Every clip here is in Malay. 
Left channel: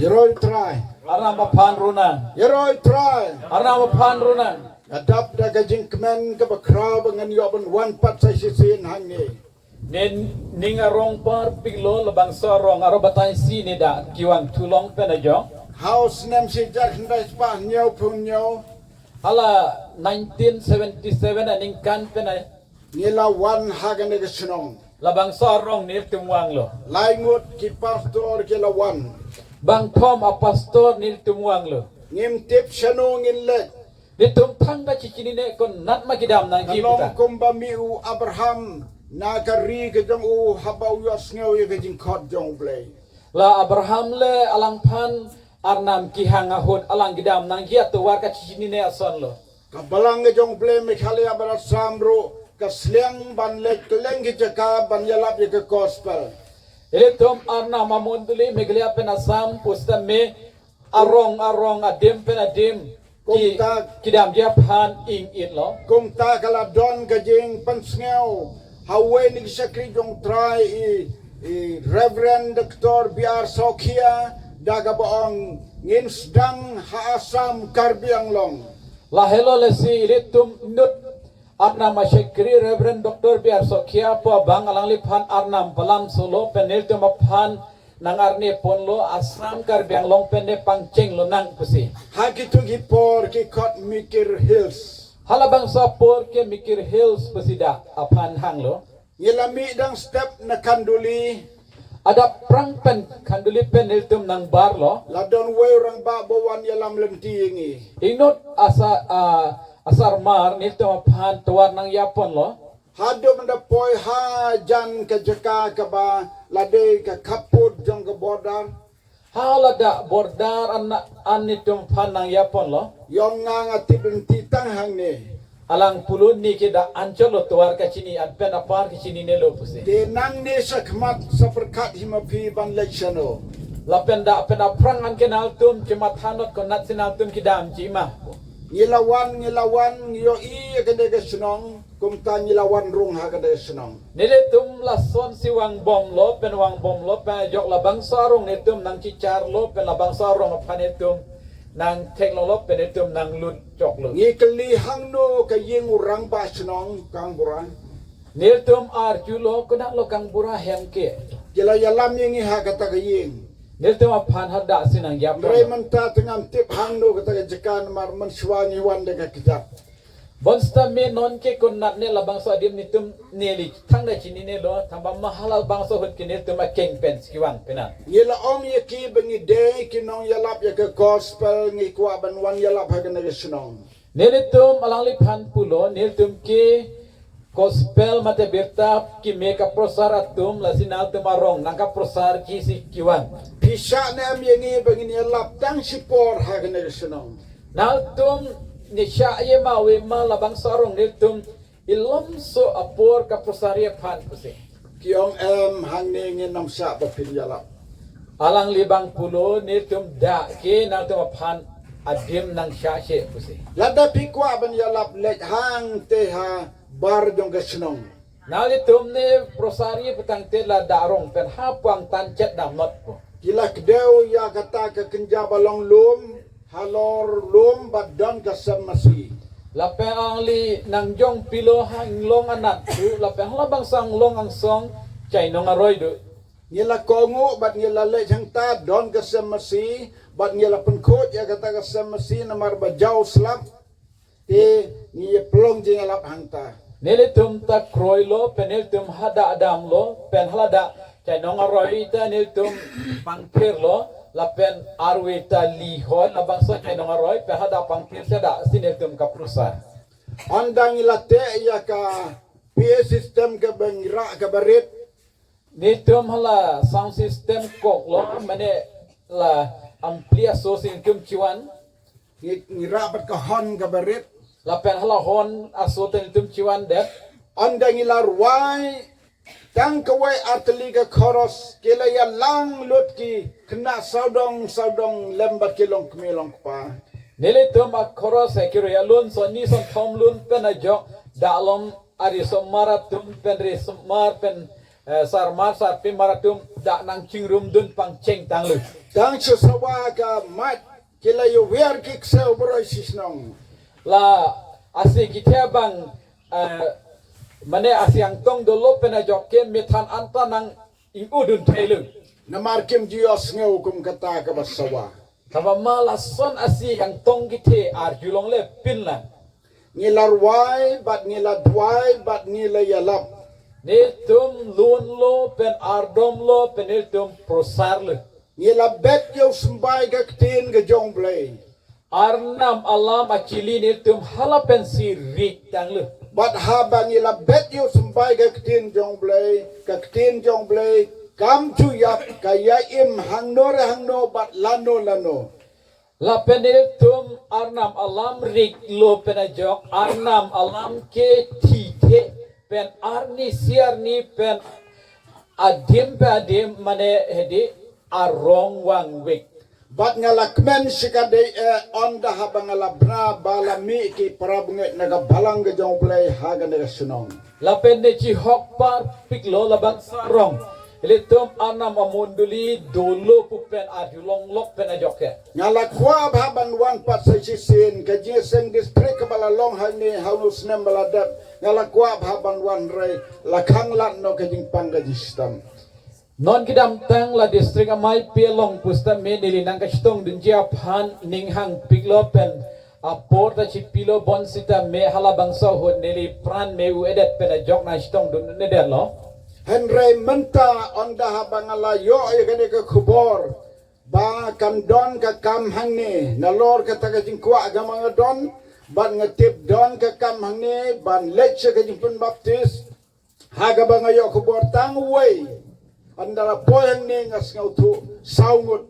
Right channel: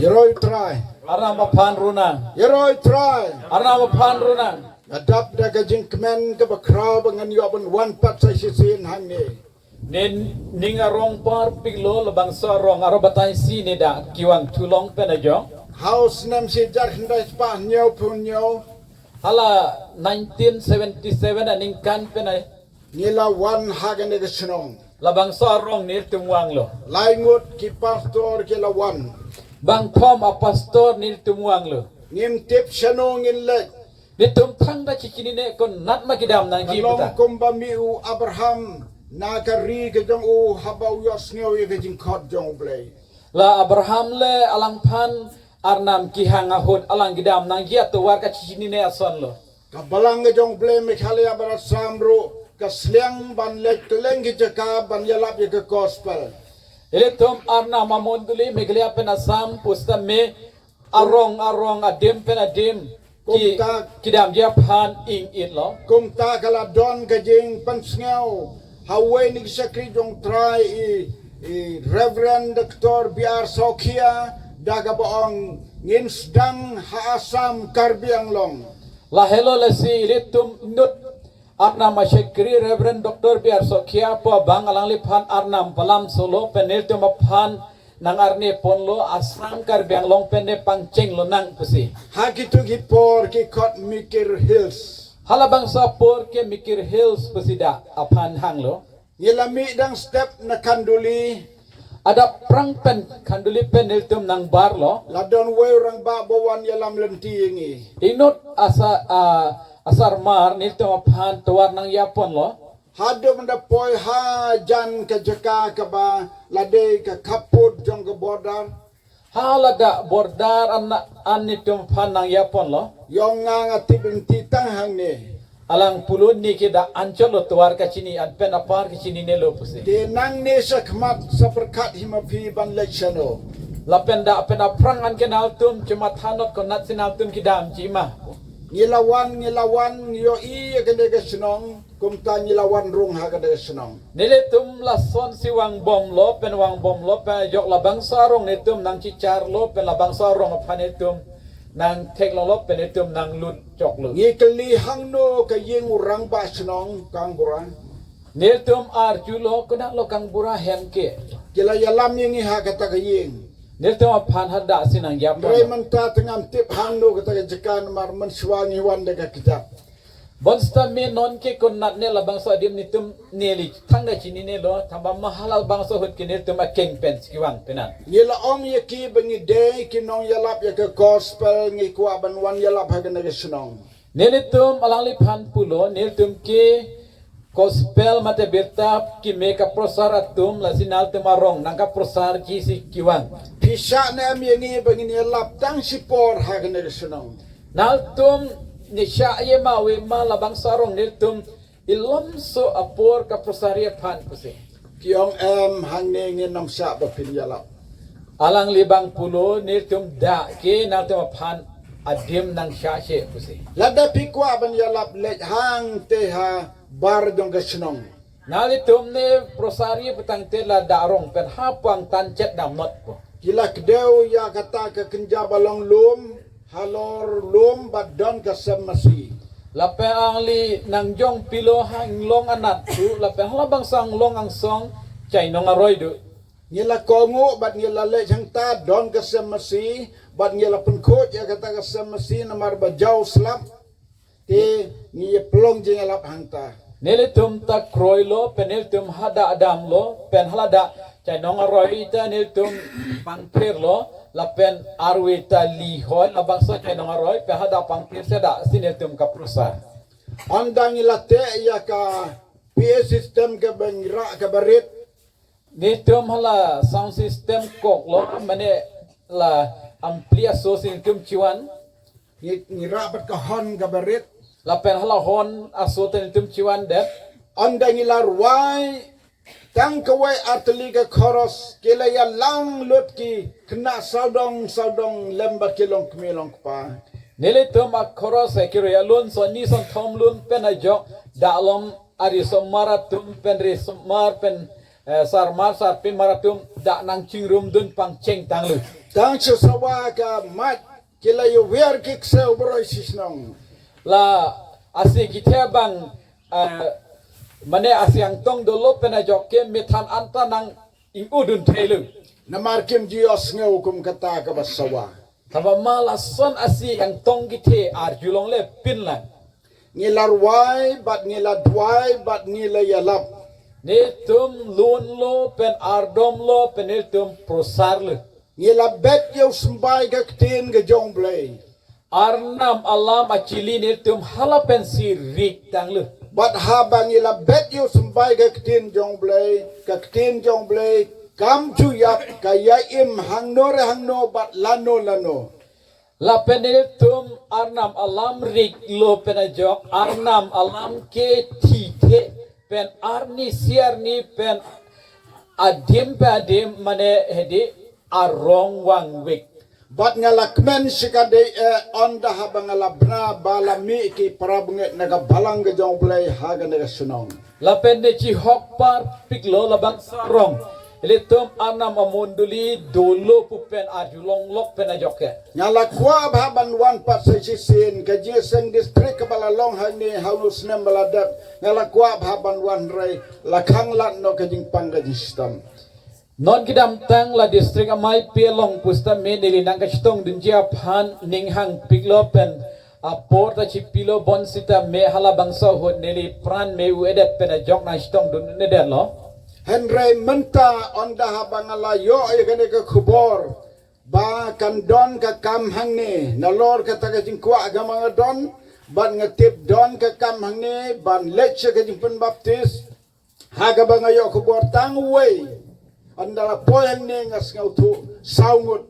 Yeroi try. Arna mapan runa. Yeroi try. Arna mapan runa. Adap daga jingkmen ke bakraw dengan yoban wan pat sa sisin hang ni. Nen ninga rong par piglo labang sorong aro batay sini da kiwang tulong penajo. House nem si jak hendak pa nyaw pun nyaw. Hala 1977 aning kan penay Nila wan hagan ke senong. labang sorong nir tumuang lo. Laingut ki pastor ki lawan. Bang Tom apastor nir tumuang lo. Ngim tip senong in lek. Nitum tangga cikini ne kon nat makidam nang Along kita. kumba miu Abraham na kari ke jong u habau yos ngau ye ke jing kot jong blay. La Abraham le alang pan arnam kihang ahun alang gidam nang gia tuwar ka cikini ne ason lo. Kabalang ke jong blay mikhali abara samru kasliang ban lek keleng ke jaka ban yalap ye ke gospel. Ile tom arna mamonduli meglia penasam pusta me arong adem penadem ki kidam dia pan ing it lo. Kung ta kala don ke jing pensngau hawe ni sakri jong try i Reverend Dr. Biar Sokia daga boong ngin sedang haasam karbiang long. La hello la si ile tum nut arna masyekri Reverend Dr. Biar Sokia po bang alang lipan arnam palam solo penel tum pan nang arne ponlo asam karbiang long pende pangceng lo nang pusi. Hakitu gipor ki kot mikir hills. Halabang sapor ke mikir hills pesida apan hang lo. Ngilami dang step na kanduli Ada prang pen kanduli pen hiltum nang bar lo. ladon we orang ba bawan yalam lenti ingi. Inut asar mar niltum apan tuar nang yapon lo. Hado menda poi ha jan ke jeka ke ba lade ke kaput jong ke bordar. Halada bordar an niltum apan nang yapon lo. Yong nga tibin titang hang ni. Alang pulun ni kita ancol lo tuar ka sini an pen apar ke sini ne lo pusi. De nang ni sakmat seperkat himapi ban leksano. La penda prang an kenal tum cuma thanot konat sinal tum kidam cima. Ngilawan yo i kede ke senong kumta ngilawan rung ha kede senong. Nile tum la son si wang bom lo pen jok la bang sarong netum nang cicar lo pen la bang sarong apan netum nang teknolog pen netum nang lut jok lo. Ngi keli hang no ke ying urang ba senong kang burang. Nile tum arju lo kunak lo kang bura hemke. Kila yalam ying ha kata ke ying. Nile tum apan hada sinang yap. Menta tengam tip hang no kata ke jekan mar mensuangi wan de kejap. Bonsta me non ke kunat ne la bang so adim nitum neli tangga cini ne lo tambah mahal bang so hut kini tum akeng pen skiwan penan. Ngila om ye ki bengi de ki nong yalap ye ke gospel ngi kwa ban wan yalap ha kene ke senong. Nelitum alang lipan pulo nelitum ki gospel mate berta ki meka prosaratum la sinal tumarong nangka prosar ki si kiwan. Pisa na am yengi bengi yalap tang sipor ha kene ke senong. Naltum ni sya ye ma we ma la bang sarong nelitum ilom so apor ka prosaria pan kusi. Kiong hang ne ngi nong sa ba pin yalap. Alang libang pulo nelitum da ki naltum pan adim nang sya she kusi. Lada pikwa ban yalap lek hang te ha bar dong ke senong. Nalitum ne prosaria petang te la darong pen hapang tancet na mot ko. Kila kedeu ya kata ke kenja balong lum halor lum badon ke semasi. Lape ang li nang jong pilo hang long anat tu lape hala bang sang long ang song chay nong aroy du. Ngila kongu bat ngila le jang ta don ke semasi bat ngila penkot ya kata ke semasi namar bajau slap te ngi pelong jing alap hangta. Nelitum ta kroy lo penelitum hada adam lo pen hala da chay nong aroy ita nelitum pangpir lo lapen arwi ta lihon abang so chay nong aroy pe hada pangpir seda sinelitum kaprusa. Andang ngila te ya ka PA system ke bengira ke berit. Nelitum hala sound system kok lo mane la ampliaso sinelitum ciwan. Ngira bat ke hon ke berit. Lapen hala hon asoten tum ciwan det. Andang ngila ruai tang kawai atli ke koros kila ya lang lut ki kena saudong lembar kilong kemilong pa. Nili tum akoro sekiro ya lun so ni son tom lun pen ajok dalom ari somara tum pen ri somar pen sarmar sarpin maratum da nang cingrum dun pang ceng tanglu. Tang sawa ka mat kila yu wer kik sel broi sisnong. La asi kita bang mane asi ang tong dolo pena jokke metan anta nang ingudun tailu. Namar kim jios ngeu kum kata ka basawa. Tama malason asi ang tong gite ar julong le pinlan. Ngilar wai bat ngila dwai bat ngila yalap. Netum lun lo pen ardom lo peniltum prosar le. Ngila bet yu sembai ka ktin ka jong blay. Arnam alam acili netum halapen si rik tang le. Bat haba ngila bet yu sembai ka ktin jong blay kam chuyap kaya im hangno bat lano. La peniltum arnam alam rik lo penajok arnam alam ke tite pen arni siarni pen adim pe adim mane hedi arong wang wik. Bat ngalakmen sikade onda haba ngalabna balami ki parabunget naga balang ka jong blay haga naga sunong. La pende ci hokpar piklo labang sarong. Ilitum arnam amunduli dulu pupen ajulong lok penajok. Ngala kwa baban wan pat sa sisin ka jeseng distrik ka balalong hani halus nem baladat ngala kwa baban wan ray lakhang lat no ka jing pangga jistam. Non kidam tang la distrik amai pelong pusta me nili nang kastong dunjia phan ninghang piklo pen apor ta chipilo bonsita me hala bangso hot nili pran me uedet penajok na stong dun neder lo. Henry menta onda habangala yo ay gani ka kubor ba kan don ka kam hangni nalor ka taga jingkwa agama don ban ngatip don ka kam hangni ban leche ka jingpun baptis haga ba ngayo kubor tangway andara poyang ni ngas ngautu saungut.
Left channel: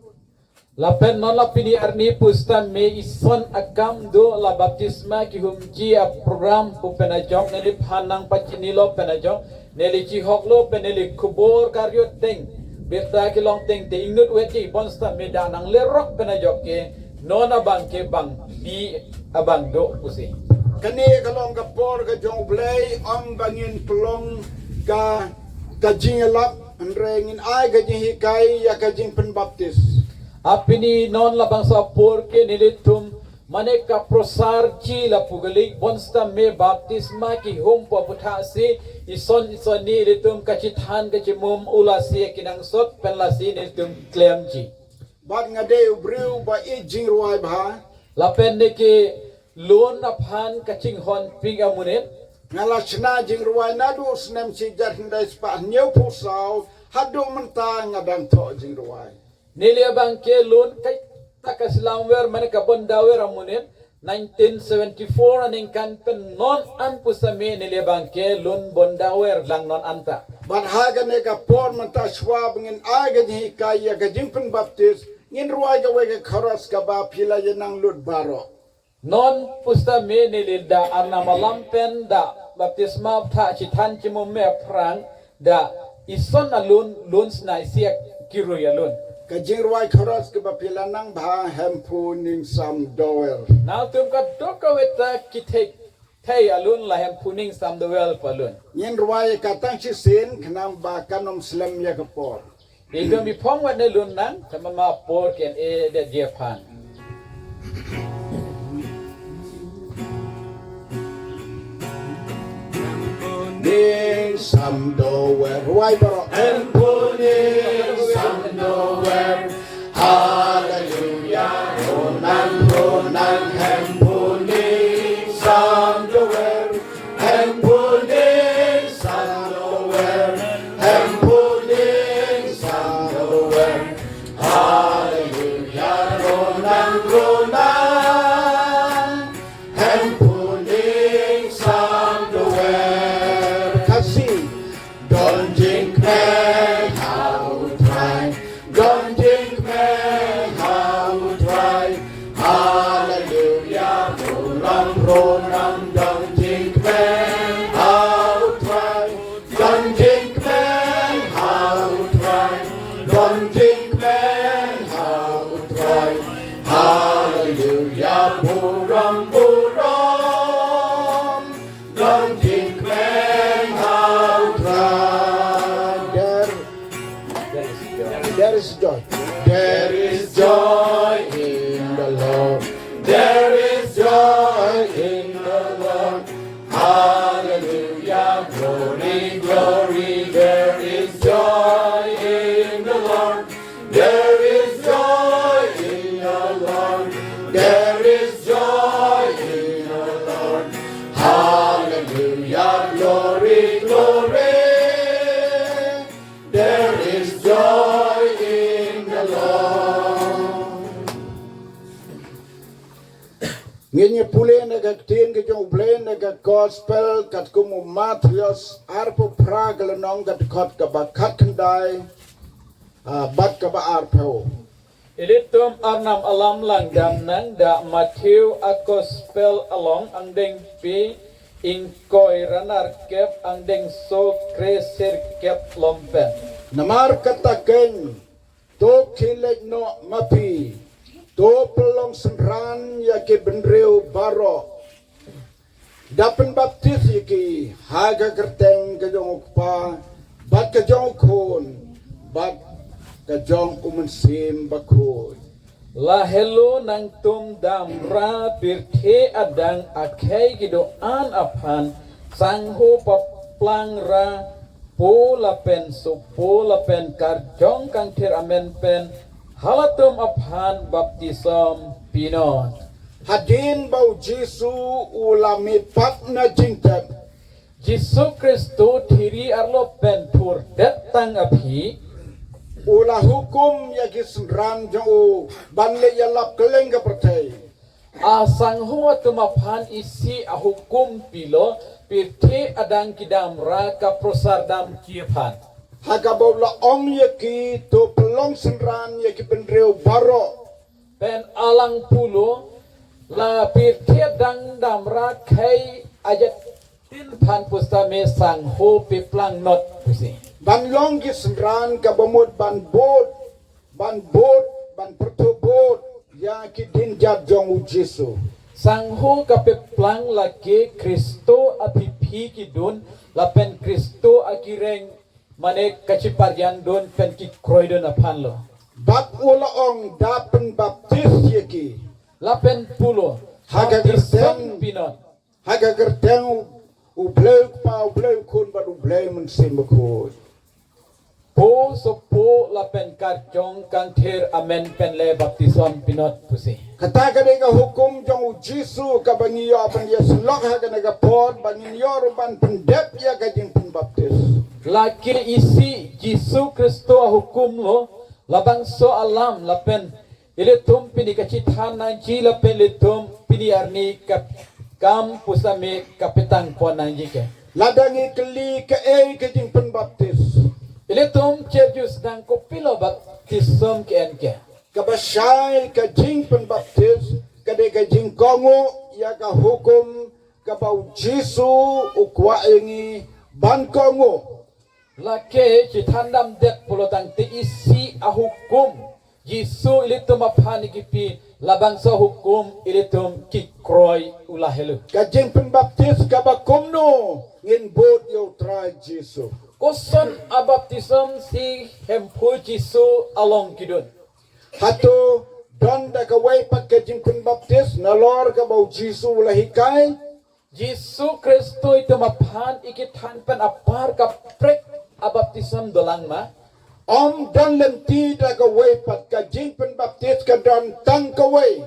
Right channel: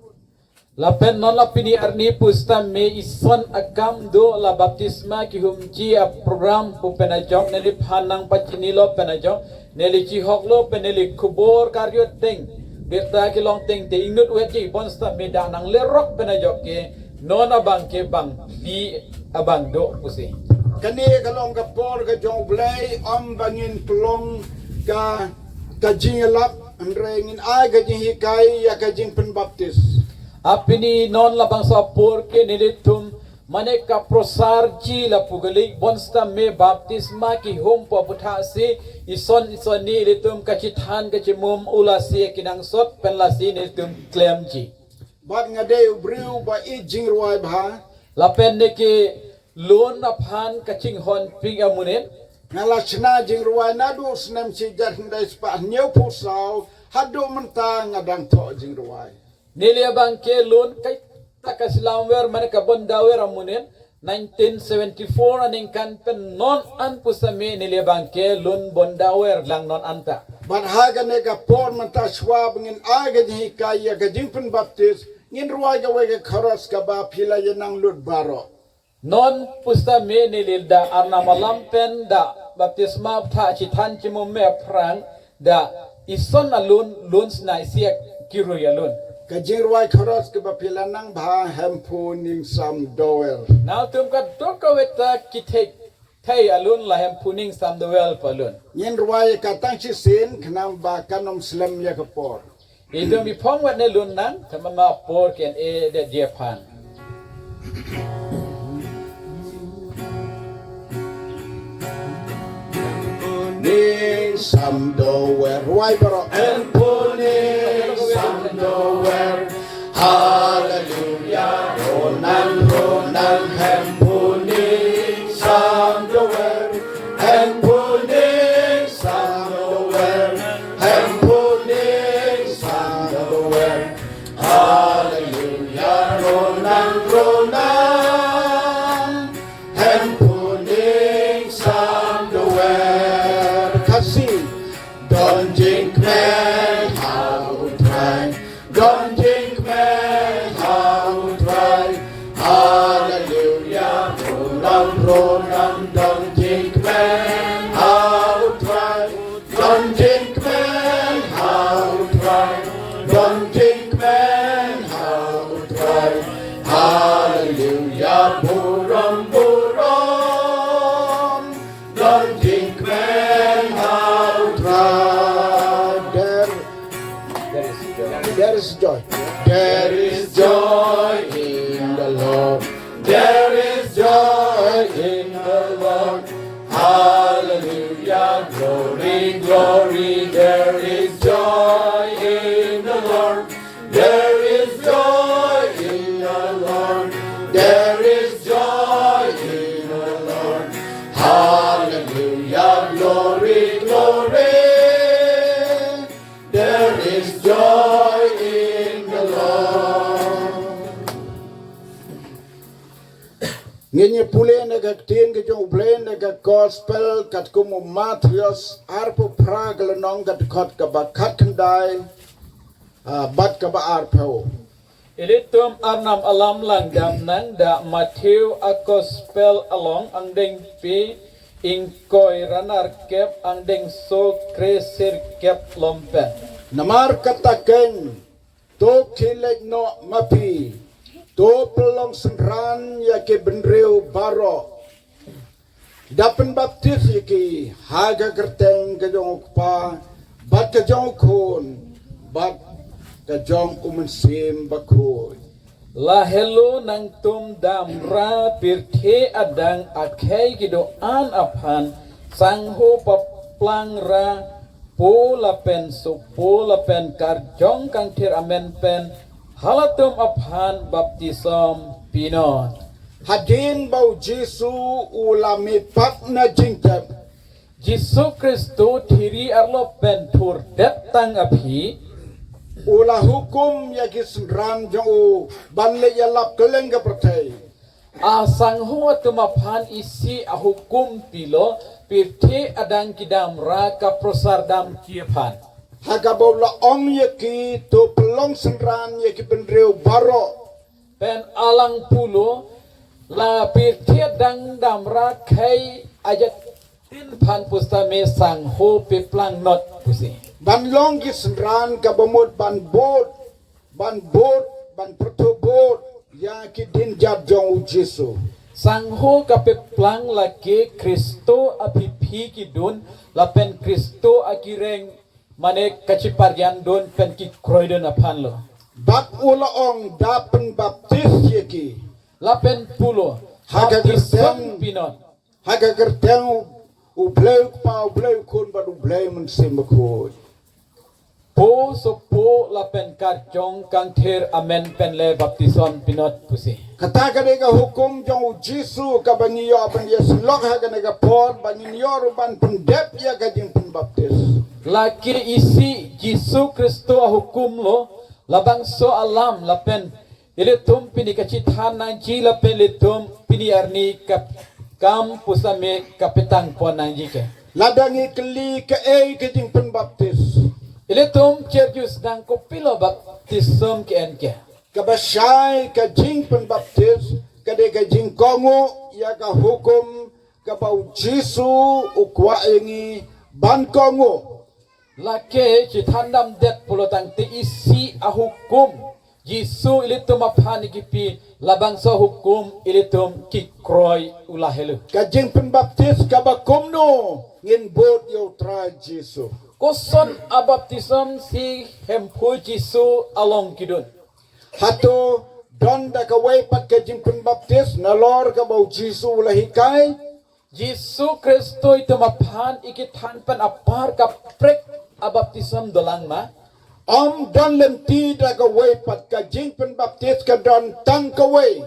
Lapen nala pini arni pusta me ison agam do la baptisma ki humji a program pu penajok neli phanang pachinilo penajok neli chi hoklo peneli kubor karyo teng berta ki long teng te inut weji bonsta me danang lerok penajok ke non abang ke bang di abang do pusi. Kani kalong ka por ka jong blay am bangin pelong ka jingelap andrengin ay ka jinghikai ya ka jingpen baptis. Apini non labang sa porke nilitum maneka prosar ji la pugali bonsta me baptisma ki humpa putha se ison ni nilitum kachithan kachimum ulasi kinang sot penlasi nilitum klem ji. Bat ngade ubriu ba I jingruai bha Lapen ke lon na phan kaching hon ping amunet ngala chna jingruai nadu snem si jar hindai spa nyau pusau hadu mentang ngadang to jingruai. Nili abang ke lon kay takasilamwer maneka bondawer amunet 1974 aning kan pen non an pusame nili abang ke lon bondawer lang non anta. Ban haga nega por menta swab ngin aga ni kaya ga jingpen baptis ngin ruai ga wega kharas ka ba pila yenang lut baro. Non pusame nililda arna malampen da baptisma tha chithan chimum me prang da ison alun luns na siak kiru yalun. Ka jingruai kharas ka ba pila nang ba hempu ning sam doer. Now tum ka doka weta kitek thai alun la hem puning sam the well palun. Ngin ruai ka tang si sin khnang ba kanom slam ya ka por. Idom mi pong wat ne lun nan tamama por ken e de jepan. Ning sam doer ruai baro hempu ning sam doer. Hallelujah, ronan hempu ning sam doer. Hempu ning sam doer. Hempu ning sam doer. Hallelujah, ronan hempu ning sam doer. Kasih don't think man how try. Don't think man how try. Hallelujah, ronan don't think man how try. Don't think man how try. Don't think man how try. Hallelujah, buram. Don't think man how try. is joy. There is joy in the Lord. There is joy in the Lord. Hallelujah, glory, glory. There is joy in the Lord. There is joy in the Lord. There is joy in the Lord. Hallelujah, glory, glory. There is joy in the Lord. Nginya pule nagagtin ka yung blend nagag-gospel kat kumu Matthews arpo pragal nong kat kot ka ba kat kanday bat ka ba arpo. Ilitum arnam alam langgam nang da Matthew akospel along ang deng pi ingkoy ranar kep ang deng so kresir kep lompen. Namar kataken to kilek no mapi to pelong senran ya ke benreu baro dapen baptis yaki haga kerteng ke jong pa bat ke jong kun bat ke jong umensim bakoi Lahelo nang tum damra birthe adang akhai gidoan aphan sangho paplang ra pola pen so pola pen karjong kang tir amen pen halatum aphan baptism pinot hadin bau Jesu ulami pat na jingtap Jesu Kristo thiri arlo pen thur detang aphi ula hukum ya kisram jong banle ya lap keleng ka pertai asang huwa tumaphan isi ahukum pilo pirthe adang kidam ra ka prosardam kiephan haga bawla ong yaki to pelong senran yaki benreu baro pen alang pulo la pirthe dang dam ra khai ajat tin phan pustame sang ho piplang not pusi ban long ki senran ka bomot ban bot ban pertobot ya ki din jat jong Jesu sang ho ka piplang la ke Kristo apiphi ki dun la pen Kristo akireng mane kaciparyan don pen ki kroidon aphan lo bat ula ong dapen baptis yaki lapen pulo Haga baptism gerteng. pinot haga gerteng ubleu kun ba ubleu mensim bakoi po so po lapen karjong kang thir amen pen le baptism pinot pusi kata ka hukum jong Jesu ka bangiyo ban yeslok haga nega pod bangiyo ban pendep ya ka jing baptis laki isi Jesu Kristo hukum lo labang so alam lapen ilitum pini kacithan nang ji lapen litum pini arni kap kam pusame kapitang po nang jike ladangi keli ke ke jing baptis ilitum cherjus dang ko pilo baptism ke enke kabasay ka jing baptis kade ka jing kongo ya ka hukum ka bau Jesu ukwa ingi ban kongo lake cithandam det pulotang te isi ahukum Yesu ilitum aphani kipi labang sa hukum ilitum kikroy ulahelu kajing pembaptis kabakumno ngin bot yo try Jesu koson abaptism si hempu Yesu along kidun hato don da kawai pat kajing pembaptis nalor ka bau Jesu lahikai Yesu Kristo itu maphan ikithan pan apar kaprek abaptism dolang ma om don lenti da kawai pat kajing pembaptis ka don tang kawai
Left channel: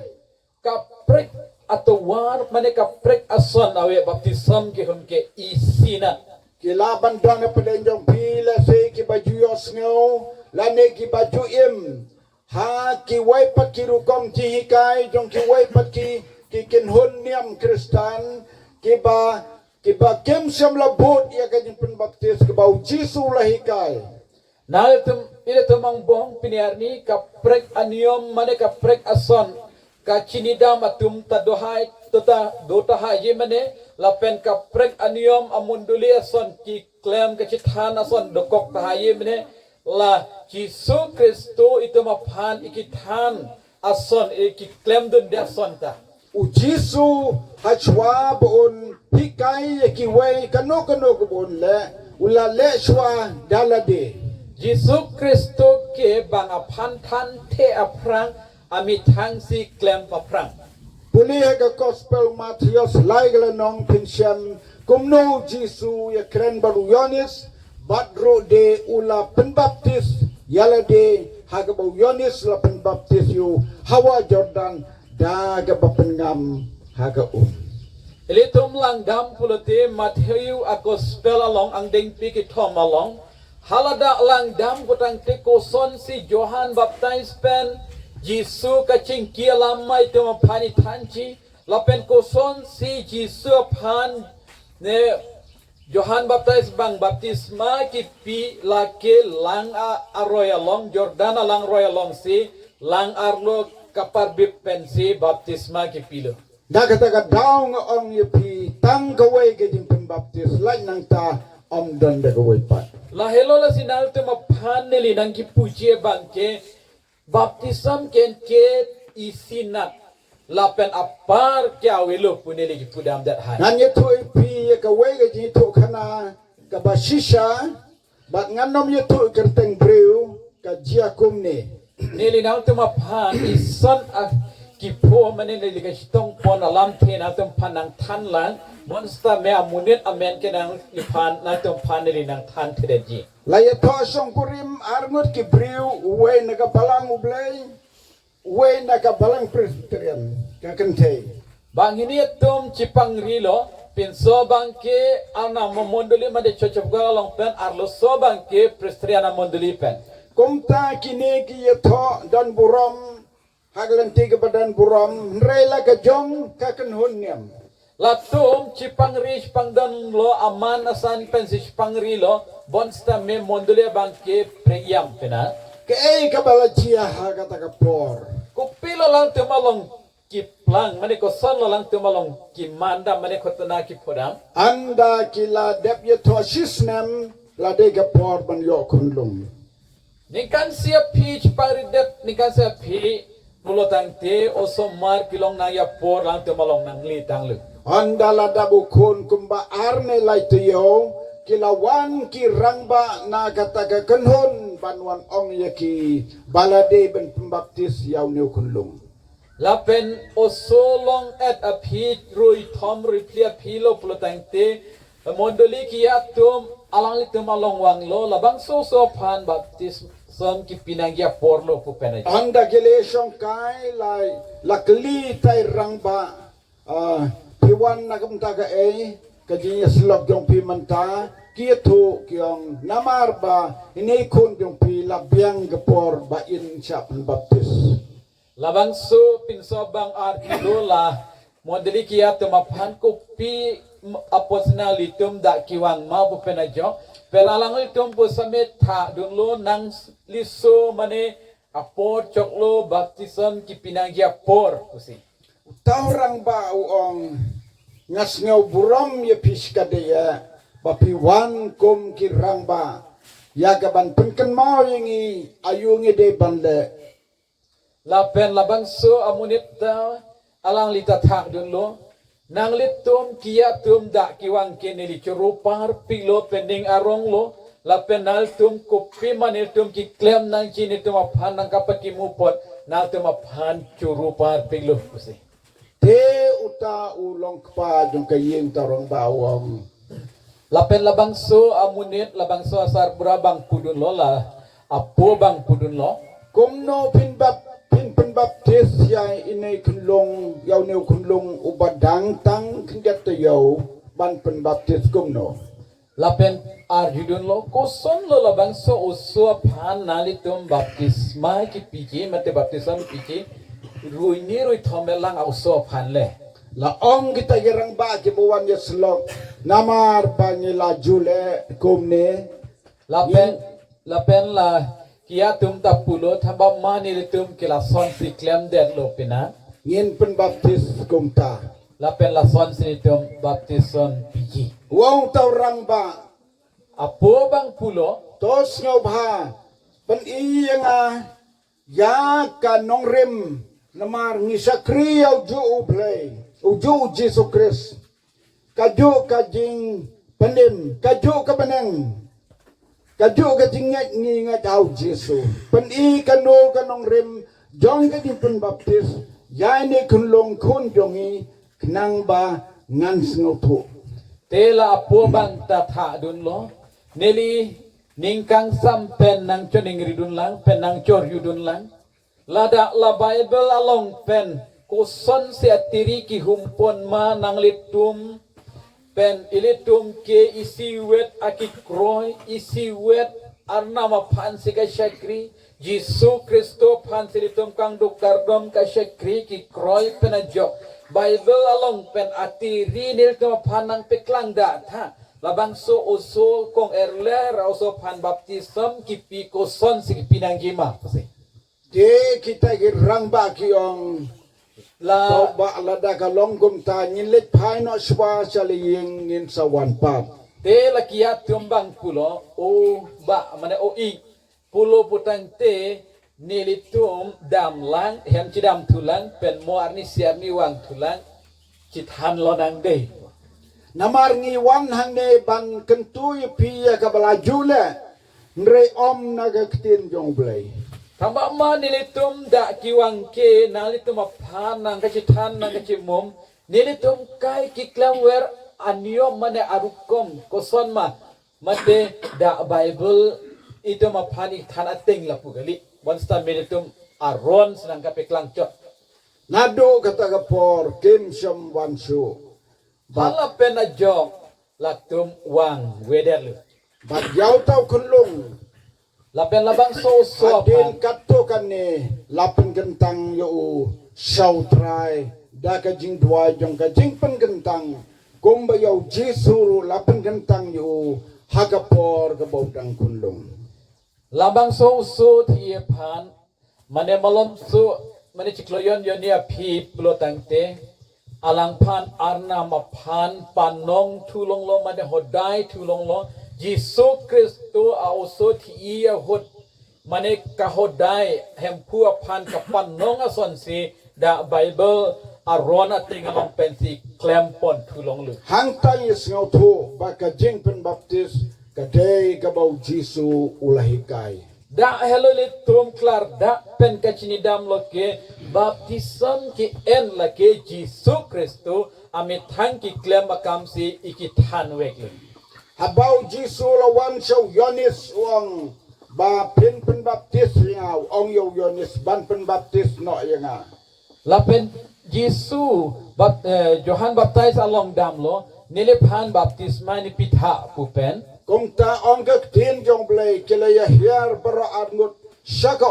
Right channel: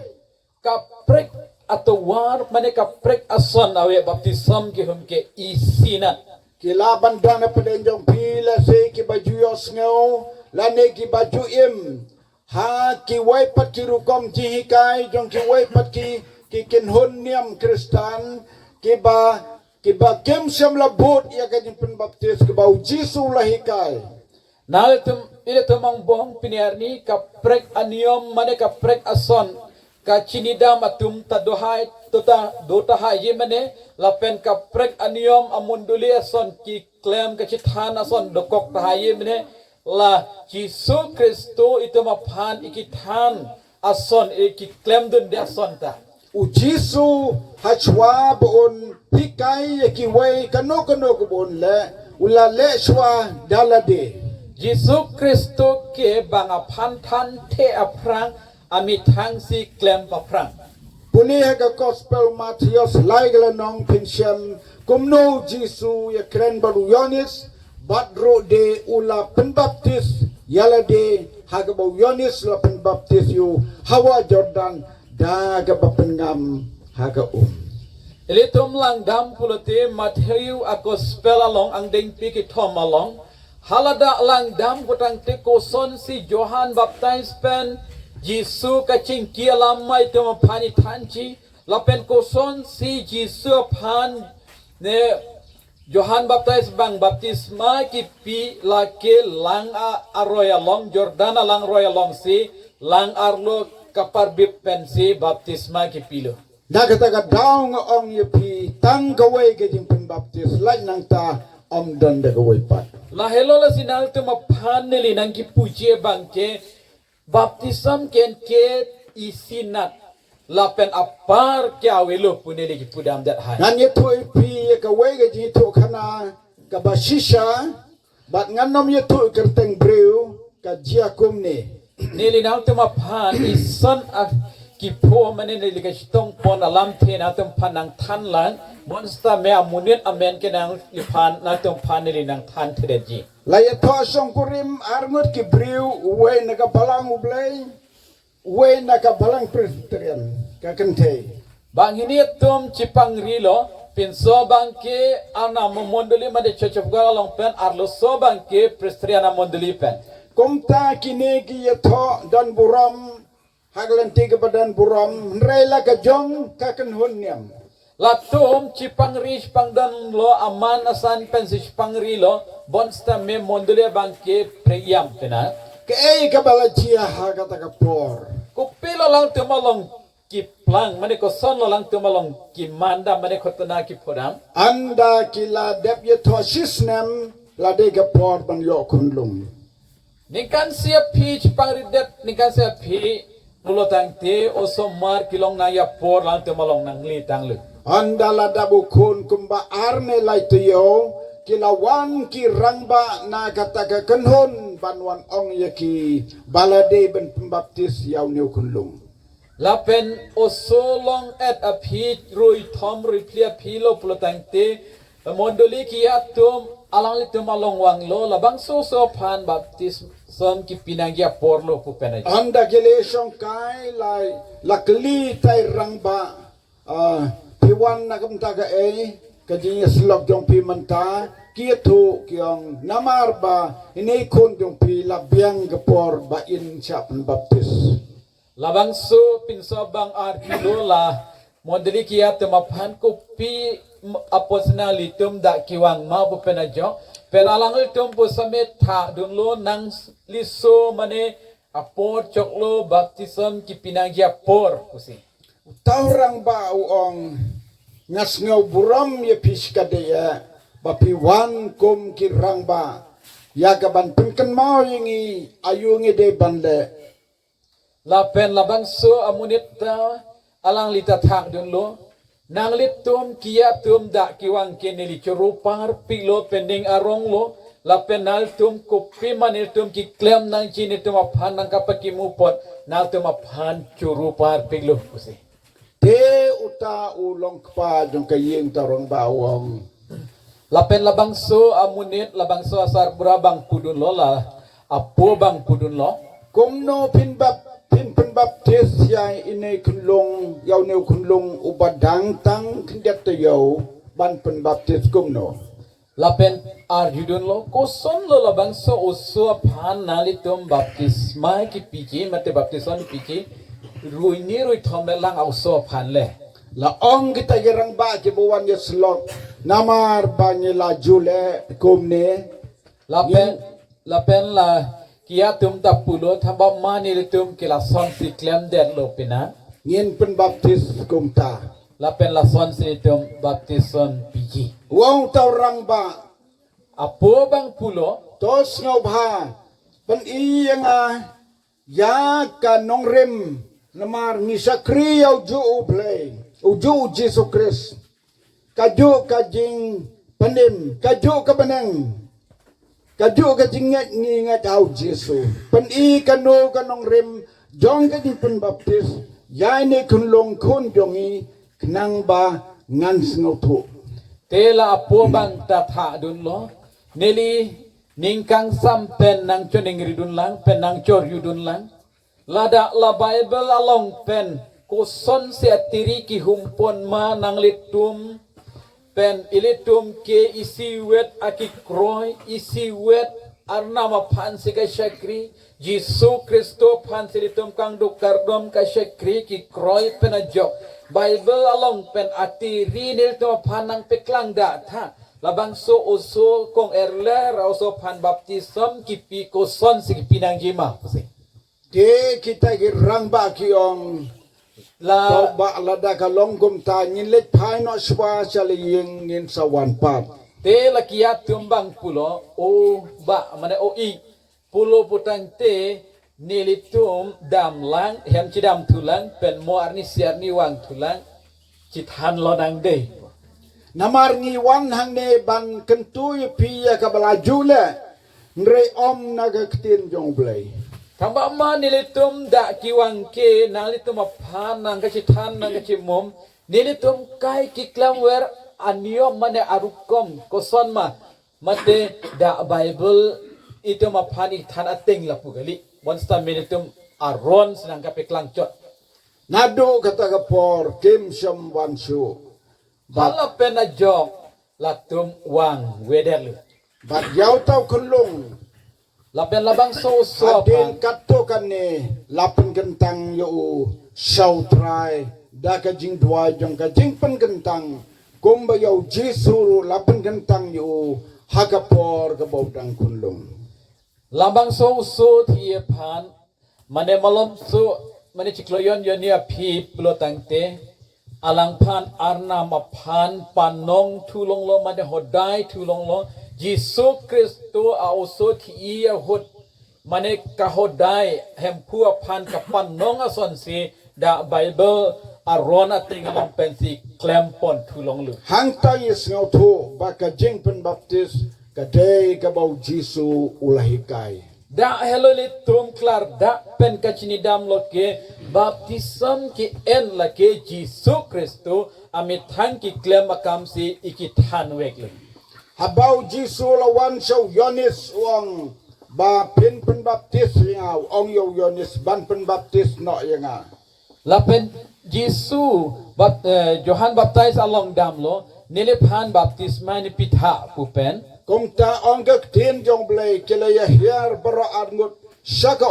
kaprek atau war mane kaprek ason awe baptism ki humke isina kilaban don na padenjong pila se ki baju yos ngau lane ki baju im ha ki wai pat ki rukom ji hikai jong ki wai pat ki kinhun niam Kristan ki ba kem syam labut ya kajing pembaptis ke bau Jesu lahikai na itu mang bong piniarni kaprek aniom mane kaprek ason ka chinidam atum tadohai dota haji mane lapen kaprek aniom amunduli ason ki klem ka chithan ason dokok tahaye mane la Jesu Kristo itu maphan ikithan ason ki klem dun de ason ta u Jesu hachwa bon hikai ki wai kano ko bon le ula le shwa dalade Yesus Kristus ke bang aphan than te aprang ami thang si klem paprang. Puli ka Gospel Matthias laigala nong pinsyan kumno Jisu ya kren baru Yonis badro de ula penbaptis yala de haga bau Yonis la penbaptis yu hawa Jordan daga bapengam haga Ilitum lang dam pulute Matthew ako spell along ang ding piki tom along. Halada lang dam kutang tiko son si Johan Baptist pen Jisu kacing kia lamai tu pani tanci lapen ko son si Jisu pan ne Johan Baptist bang baptisma ki pi lake lang aroya long Jordan lang roya long si lang arlo kapar bip pen si baptisma ki pilo. Nagataga daw nga ong yapi tang gaway gajing pembaptis lain nang ta om dan da gaway pat. La hello la sinal tu mapan nili nang ki puji bangke baptism ken ke isinat la pen apar kya welo punili ki pudam dat hai. Ngan yetu ipi gaway gajing itu kana kabasisha bat nganom yetu kerteng breu ka jiakum ni. Nili nang tu mapan isan kipo manini likastong pon alam the na tum panang than lang monster me amunit amen ke nang lipan na tum panili nang than theji. Laya to song kurim armut ki breu we nagabalang ublay we nagabalang presbyterian kakente. Bang ini tum cipang rilo pinso bangke ana momondoli made church of God long pen arlo so bangke presbyterian mondoli pen. Kumta kini ki yato dan buram haglan tiga badan buram rela ka jong kakan hunyam. Latum cipang ri pangdan lo aman asan pen si cipang rilo bonsta me mondoli bangke preyam pena. Kay kabala chia hagata ka por. Kupilo lang tumalong kiplang mani ko son lo lang tumalong kimanda mani ko tana ki podam. Anda kila dep yato sisnem la de ka por ban yo kunlum. Nikan siya pi cipang ridet nikan siya pi mulo tang te oso mar kilong na ya por lang tumalong nang li tang lu. Anda la dabu kun kumba arne lai tuyo kilawan ki rangba na kataka kanhon banwan ong yaki balade ben pembaptis yaw niyo kunlum. Lapen oso long et a pi rui tom rui plia pi lo pulo tang te mondoli ki atum alang li tumalong wang lo labang so pan baptis son ki pinangya por lo pu penaj. Anda gelesong kai lai lakli tay rangba piwan na kamtaga kadinya slog yung pimanta kietu kyong namar ba inikon yung pi labyang gapor ba in siya pembaptis. Labang so pinsobang arkidola modeli kia tumapan ko pi aposnalitum da kiwang ma pu penajo peralang itum pu samet tha dunlo nang liso mane apor choklo baptison ki pinangya por pusi. Taurang ba uong ngasngaw buram ya piskadaya bapiwan kum kirang ba yagaban pengken mau yingi ayungi de bande. Lapen labang so amunit alang lita thang dunlo nang litum kia tum da kiwang kenili churupar pilo pending arong lo lapen nal tum kopi manil tum ki klem nang chini tum aphan nang kapat ki mupot nal tum aphan churupar pilo pusi. Te uta ulong kpa jong kayeng tarong bawang. Lapen labang so amunit labang so asar burabang pudun lo la apo bang pudun lo. Kumno pinbaptis yay inay kunlong yaw niyo kunlong ubadang tang kindet yaw ban pinbaptis kumno. Lapen arjudun lo koson lo labang so uso aphan nalitum baptisma ki piji mate baptisan piji rui ni rui thomelang auso aphan le. La ong kita gerang ba kibuwan ya slok namar ba nila jule kumne. Lapen la kia tum tapulo thamba mani tum kila son si klem der lo pina. Ngin pinbaptis kumta. Lapen la son si tum baptison piji. Wong taurang ba Apo bang pulo tos ngaw ba ban iya nga ya ka nong rim namar ni sakri yaw ju ublay uju Jesus Christ kaju kajing panim kaju ka banang Kaju ka jingat ngingat au Jesu. Pen I kanu kanong rim jong ka jing pen baptis. Yai ni kunlong kun jongi kenang ba ngan snotu. Tela apo bang tatha dun lo. Neli ningkang sampen nang choning ridun lang pen nang chor yudun lang. Lada la Bible along pen kuson se atiri ki humpon ma nang litum pen ilitum ke isi wet aki kroy isi wet arna ma phan se ka shakri Jisu Kristo phan silitum kang dukardom ka shakri ki kroy pen ajok Bible along pen atiri nil to phan nang peklang da tha labang so usul kong erler also phan baptism ki pi kuson si pinang jima pasi Di kita girang ba kiong la so ba lada ka longgom ta nyilit thai no swa sali ying nin sa wan pap. te la kia tumbang pulo o ba mana o I pulo putang te nilitum dam lang hem cidam tulang pen mo arni siar ni wang tulang cithan lodang de Namar ngiwan hang ne ban kentuy piya ka balaju le ngre om naga ktin jong blay. Tamba ma nilitum da kiwang ke nalitum aphan nang kacithan nang kacimum nilitum kai kiklam wer anyo mane arukom koson ma mate da Bible itu maphan ithan ateng lapugali bonsta nilitum aron senang kapeklang cot Nado kata kapor kim syam wansu. hala pena jok latum wang wederlu Bat yaw tau kunlung. lapen labang so Adin kato kan ni lapan gentang yo shaw try da ka jing dua jong ka jing pen gentang kumba yo Jesu lapan gentang yo hagapor ka baudang kunlung. Lambang so thiye phan mane malom so mane chikloyon yon ya phi plotangte alang phan arna ma phan panong thulong lo mane hodai thulong lo Jisu Kristo also thiya hot mane kahodai hempu phan ka panong ason si da Bible arona tingalong pensi klempon thulong lu Hang tay isngaw to baka jing pen baptis kadai ka bau Jesu ulahikai. da hello litum klar da pen kachinidam loke baptism ki en lake Jisu Kristo amit hang ki klem akam si ikithan wekle Habau Jesu lawan shaw Yonis uang ba pen baptis ngaw ong yo Yonis ban pen baptis no yanga. lapen Jisu Johan baptize along damlo niliphan baptisma ni pitha kupen Kung ta ong kaktin jong blay kilaya hiar bara adngut syaka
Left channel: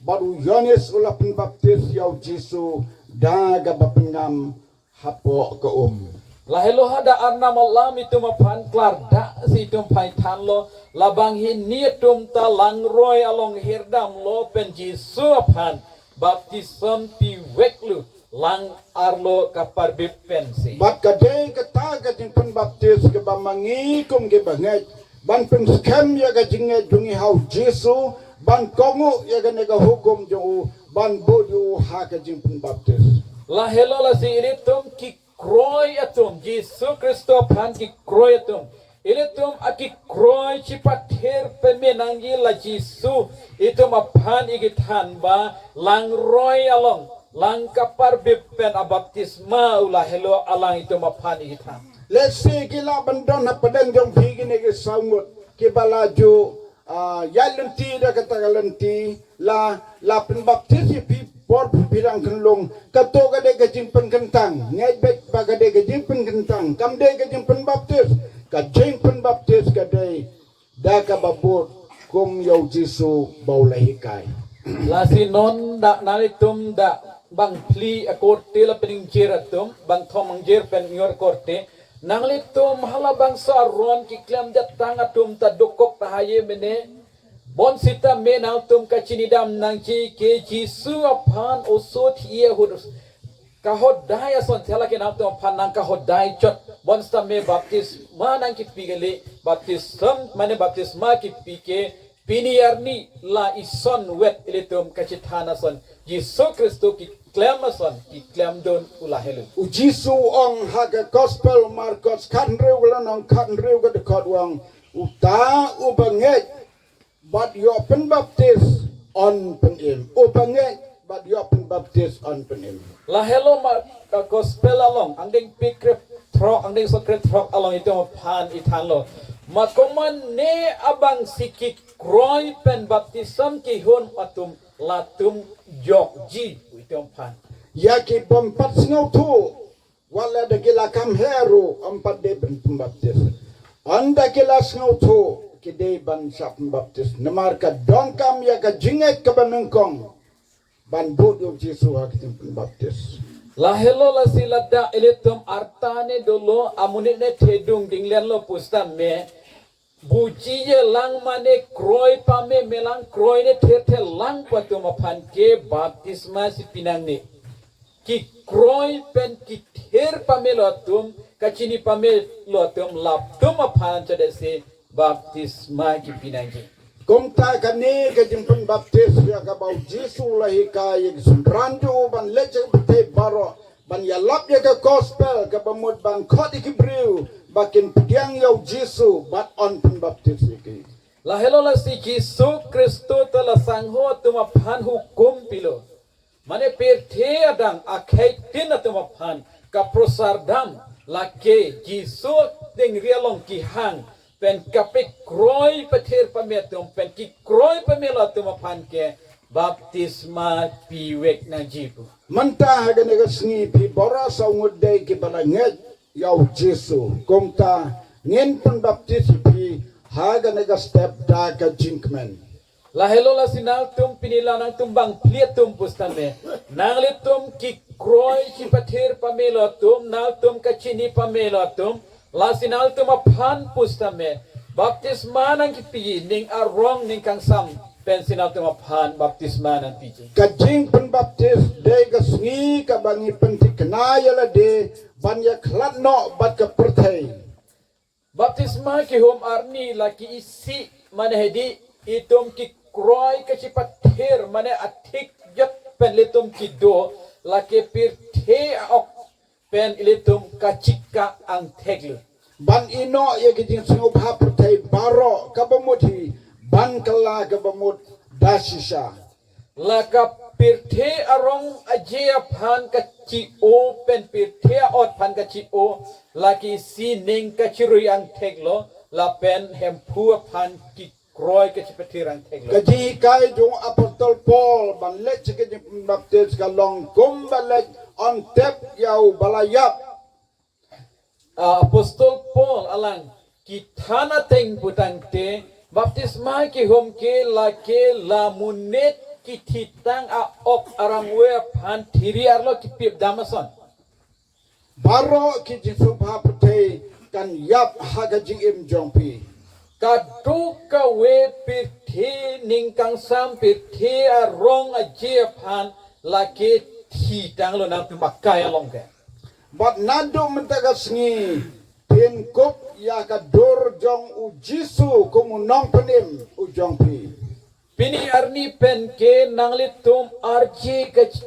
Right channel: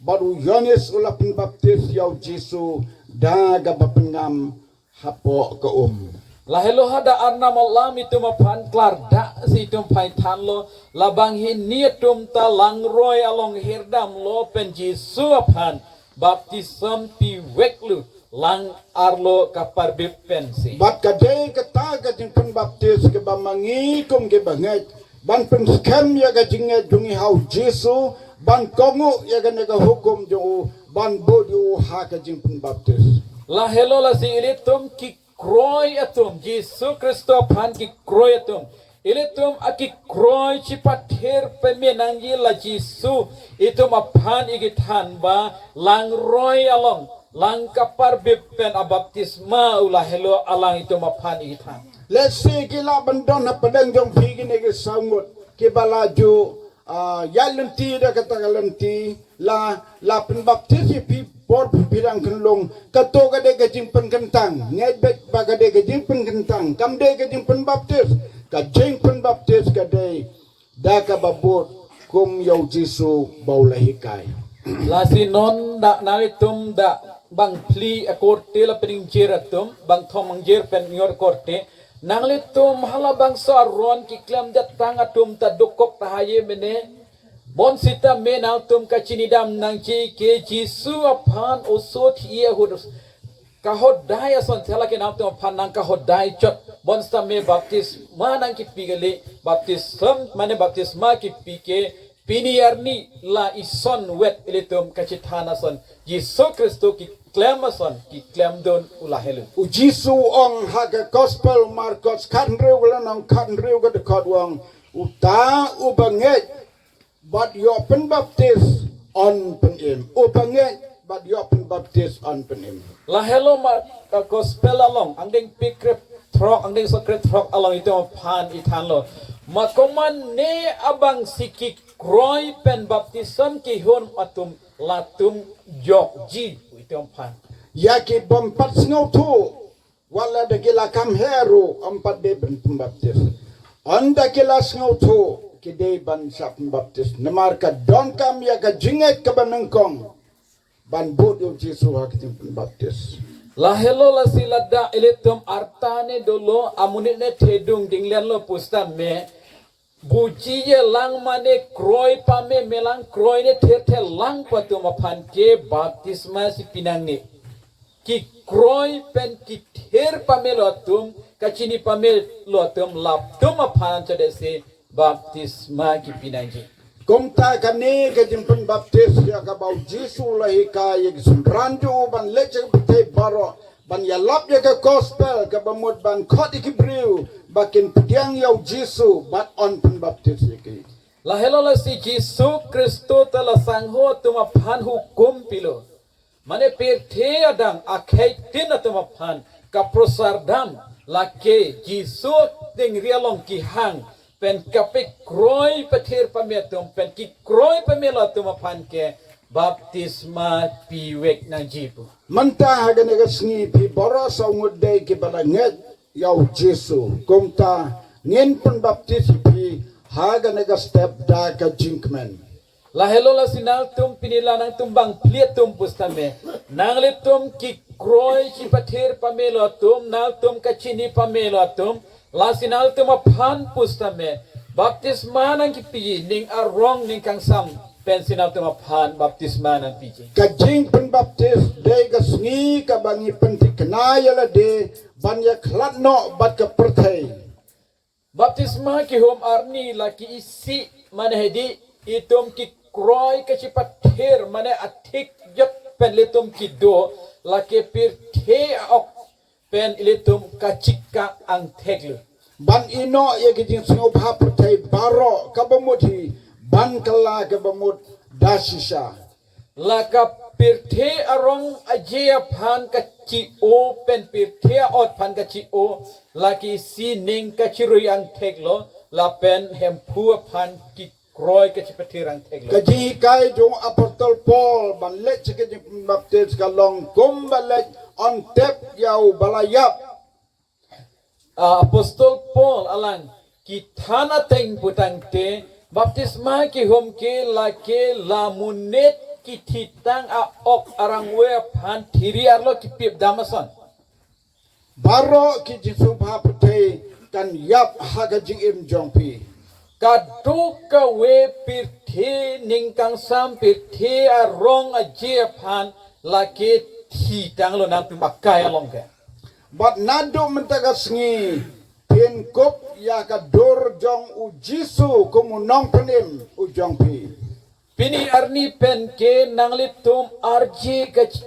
baru Yonis ulapin baptis yaw Jesu daga bapengam hapo ka lahelo hada arna malam itu maphan klar da si tum pai than lo labang hin nietum ta langroy along hirdam lo pen Jisu aphan baptism pi weklu lang arlo kapar bipensi Bat kadai kata kajing pen baptis ke bamangi kum ke banget ban pen skam ya kajing dungi hau Jesu ban kongu ya nega hukum jo ban bodu ha kajing pen baptis. lahelo la si ilitum ki kroy atum Jisu Kristo phan ki kroy atum ilitum aki kroy chipather pemenangi la Jisu itu maphan igithan ba lang roy along lang kapar bipen abaptisma ulahelo alang itu maphan igithan Let's see kila bandon na padang jong pigi nege samut ke balaju ya lenti da kata lenti la pen baptis pi por pirang kenlong kato gade gajing pen kentang ngai bek bagade gajing pen kentang kamde gajing pen baptis gajing pen baptis gade da ka babot kum yo Jesu baulahikai. la si non da nalitum da bang pli akorte la pening jeratum bang thomang jer pen ngor korte nanglitum hala bang saron ki klem datang atum ta dokok tahaye mene bon sita menal tum kachinidam nang chi ke Jisu aphan osot ye hudus kahodai ason thela ke nam tum aphan nang kahodai chot bon sta me baptis manang ki pigale baptism mane baptisma ki pike piniarni la ison wet ilitum kachithana son Jisu Kristo ki klemason ki klemdon ulahelu U Jesu ong haga gospel Marcos kanrew wala nang kanrew ga de kodwang uta ubanget but yo penbaptis on penim ubanget but yo penbaptis on penim. La hello ma gospel along ang ding pikrep trok ang ding secret trok along ito pan itan lo. Makoman ne abang sikik kroy pen baptism ki hon atum latum jok ji ito pan. Yaki bompat snow tu wala dagila kam heru ampat de penbaptis. On dagila snow tu kide ban sa penbaptis. Namar ka don kam ya ka jingek ka banengkong ban bud yung Jesu hakiting penbaptis. La hello la silada eletum artane dolo amunit ne tedung dinglen lo pusta me buji ye lang mane kroy pame melang kroy ne tete lang patum apan ke baptisma si pinang ne ki kroy pen ki ther pame lo atum kachini pame lo atum laptum apan chadese baptisma ki pinang ne. Kumta kani kajing penbaptis ya ka bau Jesu lahi ka yig sundranjo ban leche bete baro ban yalap ya ka gospel ka bamut ban khot ikibriu bakin pediang yau Jesu bat on penbaptis iki. La hello la si Jesu Kristo tala sangho tuma phan hukum pilo. Mane perthe adang akhai tin tuma phan ka prosardam la ke Jesu ding rialong ki hang pen kapik kroy pathir pametum pen ki kroy pamelatum phan ke baptisma piwek na jipu. Manta hagan negasngi pi boros au ngudai ki balanget yau Jesu. Kumta ngin penbaptis pi hagan negas step da ka jinkmen. La hello la sinal tum pinila nang tumbang pliatum pustame nang litum ki kroy ki pathir pamelatum nal tum kachini pamelatum la sinal tum phan pustame baptisma nang ki pi ning arong ning kang sam pen sinal tum phan baptisma nang pi. Kajing penbaptis de gasngi ka bangi pentikna yala de banya klatno bat ka perthai. Baptisma ki hom arni la ki isi manhedi itum ki kroy ka ci pathir mane athik jot pen litum ki do la ke pir the ok pen litum ka chika ang theglu. Ban ino ye kijing singo pa perthai baro ka bamuthi ban kala ka bamut dasisha. La ka pir the arong ajia phan ka chi o pen pir the ot phan ka chi o la ki si ning ka chirui ang theglo la pen hem phu phan ki kroy ka ci pathir ang theglo. Kaji kai jong apostol Paul ban lech kijing penbaptis ka long kum balech on tep yau balayap. Apostol Paul alang kitana teng putang te baptisma ki hom ke la munet ki thitang a ok arang we phan thiri arlo ki pip damason Baro ki Jesu pa perthai kan yap haga jing im jongpi. kadu ka we pir thi ning kang sam pir thi arong a je phan la ke thitang lo nang tumakai along ke. Bat nado mentaga sengi pin kup ya ka dor jong u Jesu kumu nong penim u jong pi. Pini arni pen ke nanglitum arji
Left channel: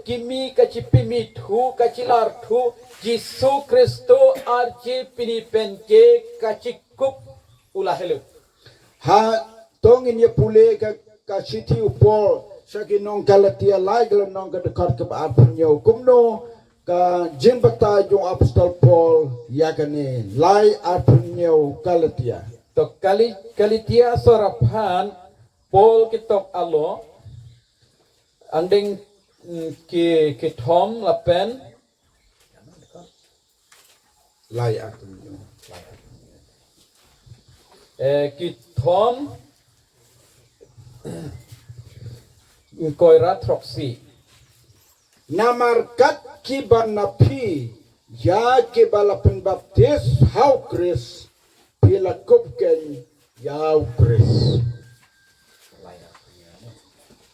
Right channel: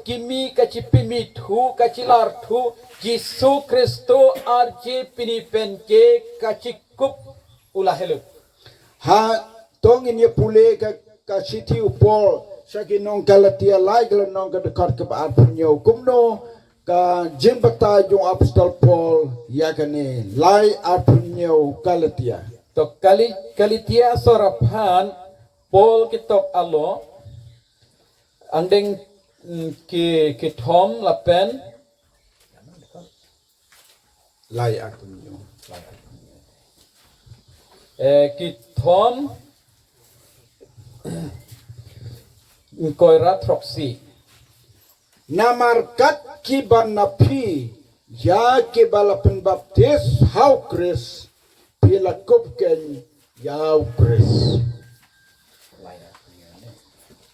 kimi kachipimi thu kachilar thu Jesu Kristo arji pini pen ke kachikup ulahelu. Ha tongin ye pule ka city u Paul saki nong Galatia lai galam nong ka dekat ke ba punyo kumno ka jimbata jong apostol Paul ya kani lai apunyo Galatia. To kalitia sorapan Paul kitok alo andeng ki thom lapen Lai apunyo. ki thom koirat troksi Namarkat ki banapi ya ke balapan baptis hau Chris pila kupken yau Chris.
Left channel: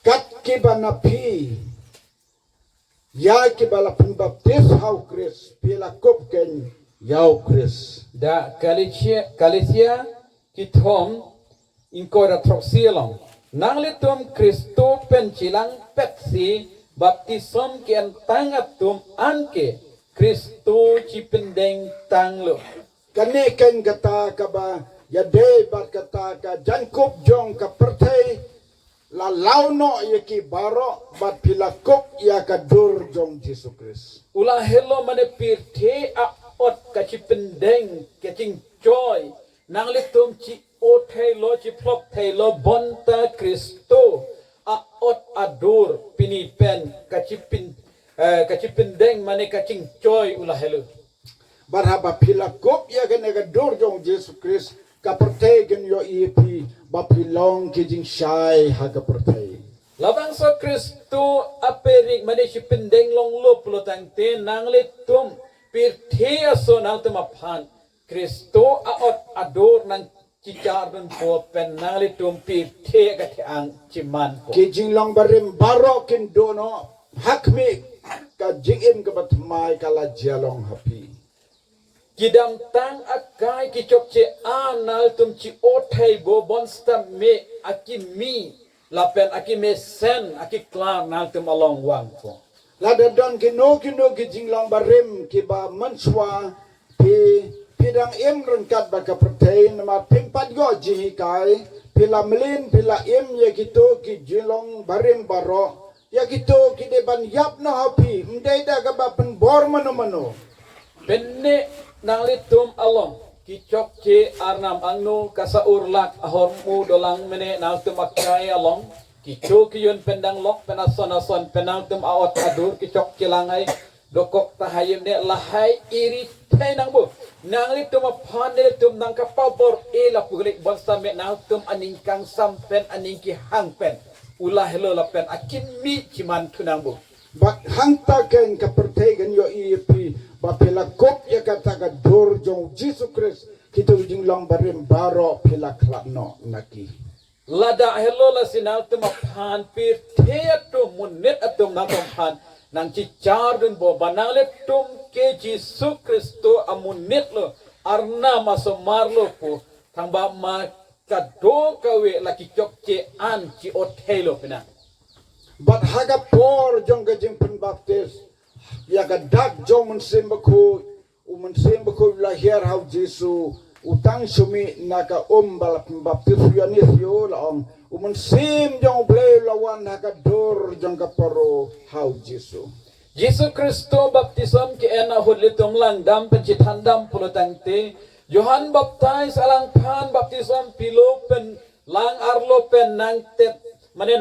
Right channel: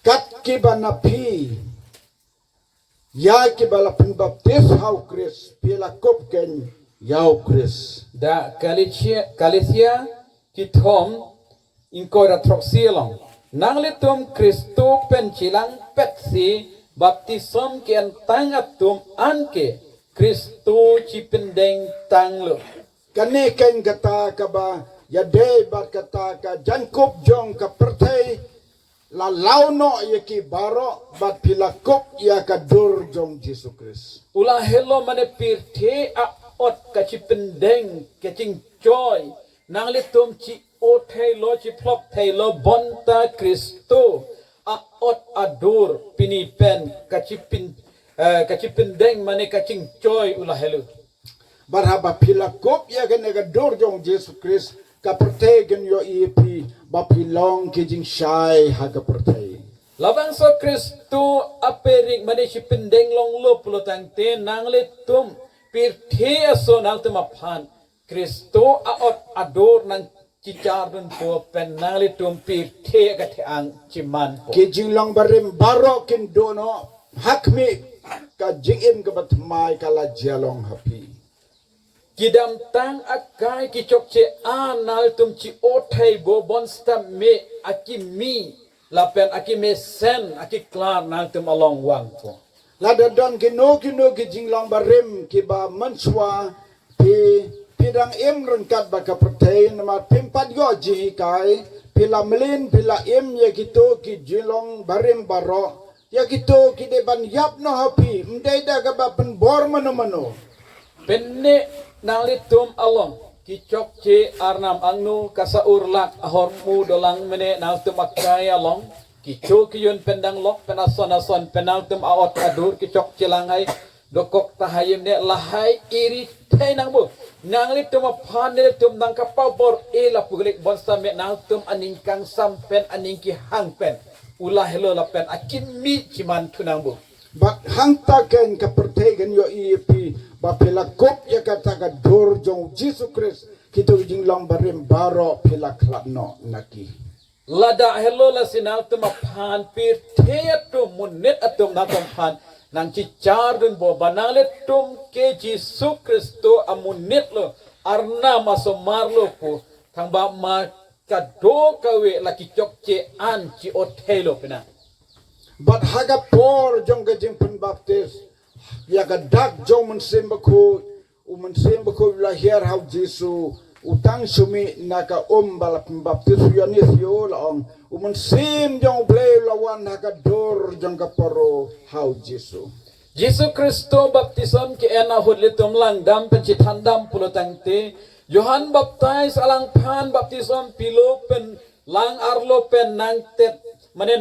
Kat ki banapi ya ke balapan baptis hau Chris pila kupken yau Chris. da kalicia kithom inkora troxielong nanglitum Kristo penchilang petsi baptism kian tangatum anke Kristo cipendeng tanglo Kani ken kata kaba ya de bat kata ka jankup jong ka pertai la launo ya ki baro bat pilakup ya ka dur jong Jesus Christ. Ulah hello mane pirte a ot kachi pendeng kaching joy nang litum chi o lo chi plop lo bonta Kristo a ot adur pinipen kachi pendeng mane kaching joy ulah hello. Barhaba pilakup ya ka nega dur jong Jesus Christ ka pertai gen yo ipi ba pilong ki jing shai ha ka pertai. Labang so Kristo aperik mane chi pendeng long lo pulotang te nang litum pirte aso nang tumapan Kristo aot ador nang cicar dan po pen nang litum pirte kateang ciman po. Ki jing long barim baro kin dono hakmi ka jingim ka batmai kala jalong hapi. Kidam tang akai kicok ce anal tum ci otai bo bonsta me aki mi lapen aki me sen aki klar nang tum along wang po. Lada don kino ki jing long barim ki ba manswa pidang im rengkat baka pertain nama pimpat go ji kai pila melin pila im ya gitu ki jilong barim baro ya gitu ki de ban yap no hapi mdai da ka ba pen bor mano. Penne nang litum along kicok ce arnam angnu kasa urlak ahormu dolang mene nang tum akai along kicu kiyun pendang lok penason penang tum awat adur kicok cilangai dokok tahayim ne lahai iri tay nang bu nang litum apan ne tum nang kapau bor la pugelik bonsa me nang tum aningkang sampen aningki hangpen ulah helo lapen akin mi ciman tunang bu. But hangta ken ka pertegen yo ipi ba pila kop ya kata ka dur jong Jesus Christ kita jing long barim baro pila klapno naki. Lada helo la sinal tumapan pir teatum munit atum natapan nang cicar dun bo banalet tum ke Jesus Kristo amunit lo arna masomar lo po tangba ma kado kawe laki cok ce an ci otelo pina. But haga por jong ka jing pen baptis ya ka dak jong mensembaku lahir hau Jesu utang sumi naka balap baptis yanis yo laong mensim jong blay lawan haga dor jong ka paro hau Jesu. Jesus Kristo baptism ke ena hudlitum lang dam pencitandam pulutang te Johan baptize alang pan baptism pilo pen lang arlo pen nang tet mane